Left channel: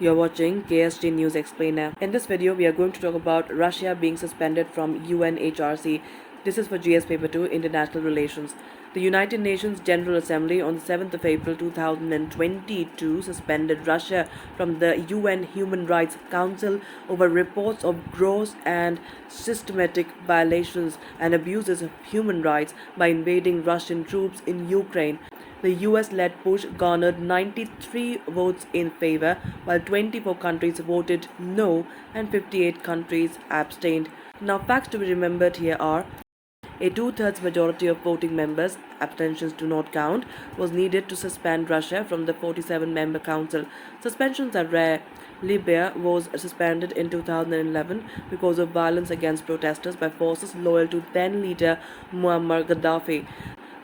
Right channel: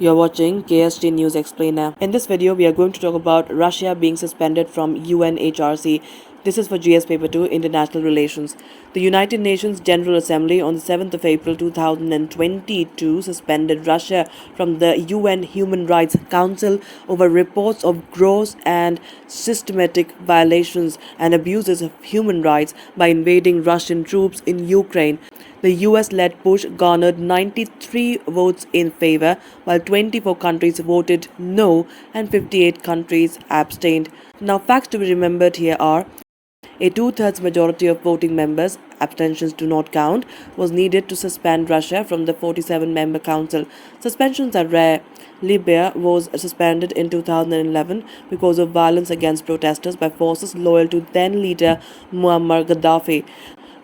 You're watching KSG News Explainer. In this video, we are going to talk about Russia being suspended from UNHRC. This is for GS Paper 2, International Relations. The United Nations General Assembly on the 7th of April 2022 suspended Russia from the UN Human Rights Council over reports of gross and systematic violations and abuses of human rights by invading Russian troops in Ukraine. The US-led push garnered 93 votes in favor, while 24 countries voted no and 58 countries abstained. Now, facts to be remembered here are: a two-thirds majority of voting members, abstentions do not count, was needed to suspend Russia from the 47-member council. Suspensions are rare. Libya was suspended in 2011 because of violence against protesters by forces loyal to then-leader Muammar Gaddafi.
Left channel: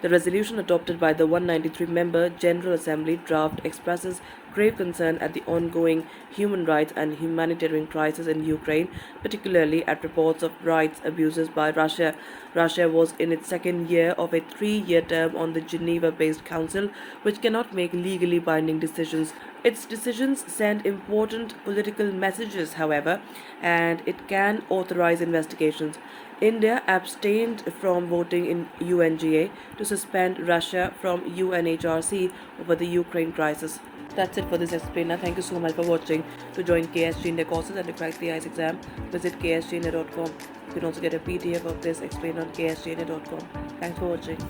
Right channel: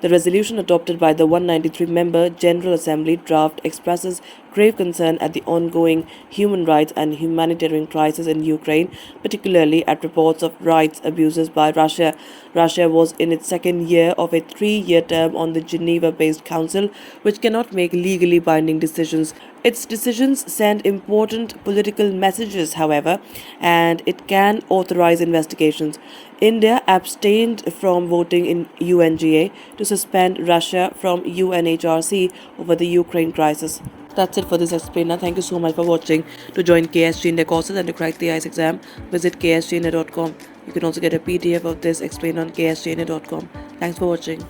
The resolution adopted by the 193-member General Assembly draft expresses grave concern at the ongoing human rights and humanitarian crisis in Ukraine, particularly at reports of rights abuses by Russia. Russia was in its second year of a 3-year term on the Geneva-based council, which cannot make legally binding decisions. Its decisions send important political messages, however, and it can authorize investigations. India abstained from voting in UNGA to suspend Russia from UNHRC over the Ukraine crisis. That's it for this explainer. Thank you so much for watching. To join KSG India courses and to crack the ICE exam, visit ksgindia.com. You can also get a PDF of this explained on ksgindia.com. Thanks for watching.